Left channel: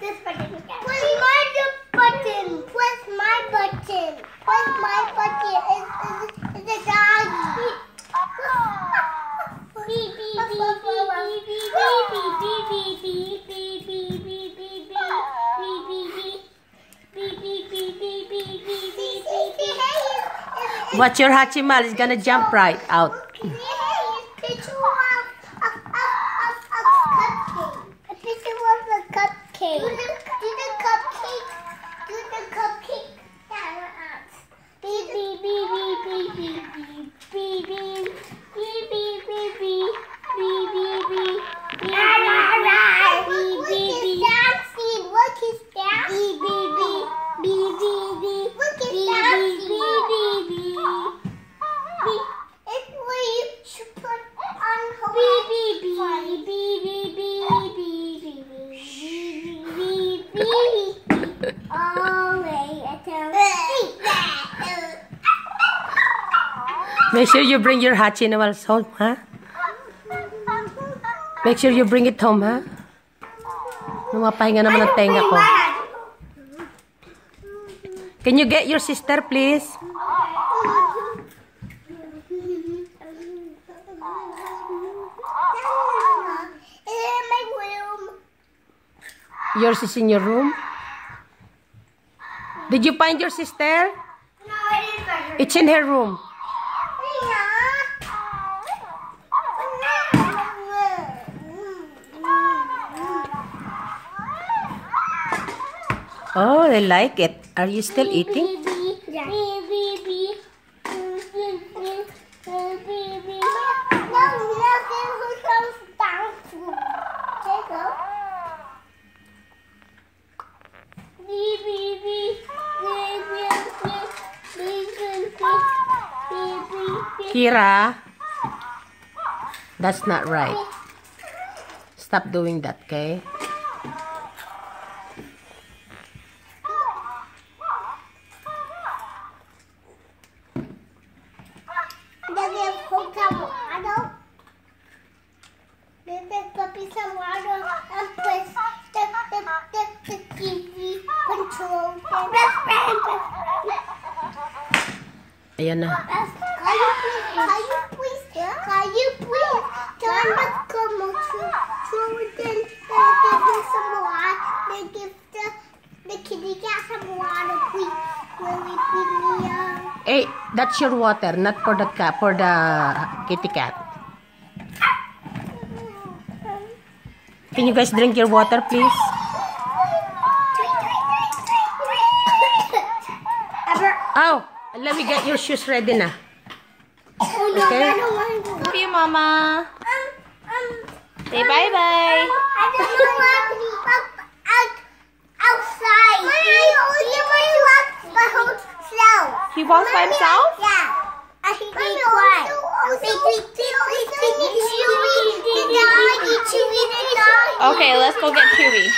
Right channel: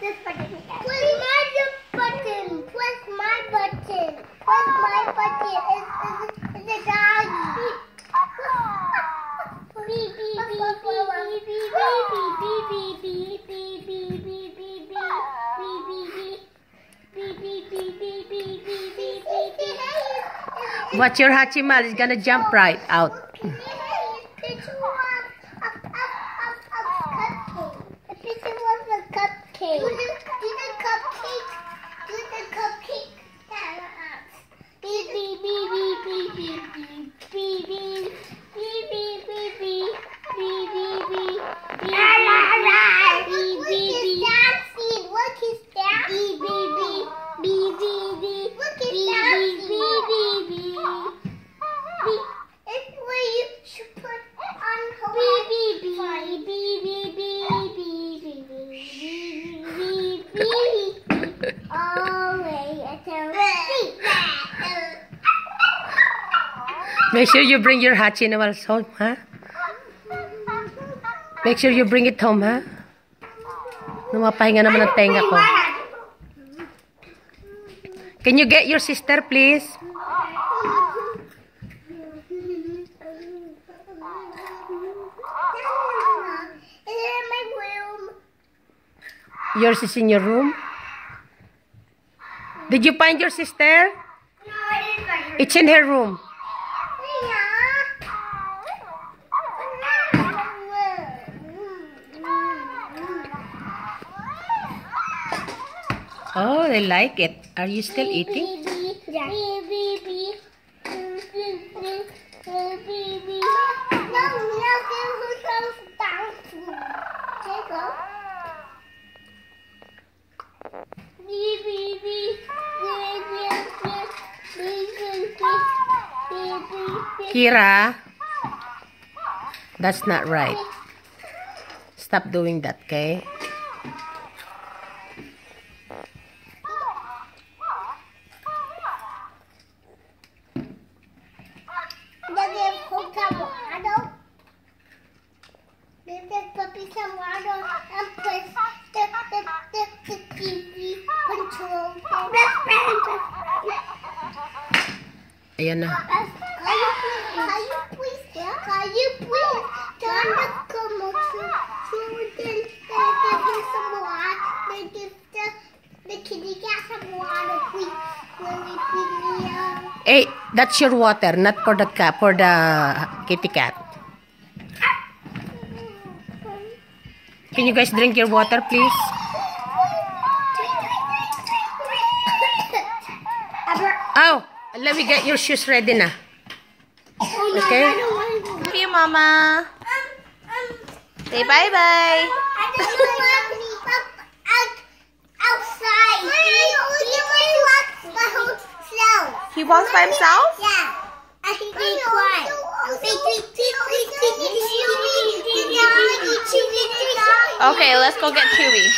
this button. Press my button. Press my button. Press my button. It's a doggy. Beep beep beep beep beep beep beep beep. Watch your Hachimal, it's gonna jump right out. Make sure you bring your Hachimals home, huh? Make sure you bring it home, huh? Numapahinga naman ang tenga ko. Can you get your sister, please? Yours is in your room? Did you find your sister? It's in her room. Oh, they like it. Are you still eating? Yeah. Kira, that's not right. Stop doing that, okay? Puppy some water and press the TV control. Ayan na. Can you please turn the commercial so we can give some water? They give the kitty cat some water, please. Really, please. Hey, that's your water, not for the cat, for the kitty cat. Can you guys drink your water, please? Oh, let me get your shoes ready na. Okay? Thank you, Mama. Say bye-bye. I don't know outside. He walks by himself. He walks by himself? Yeah. I think he cried. Okay, let's go get Chewy.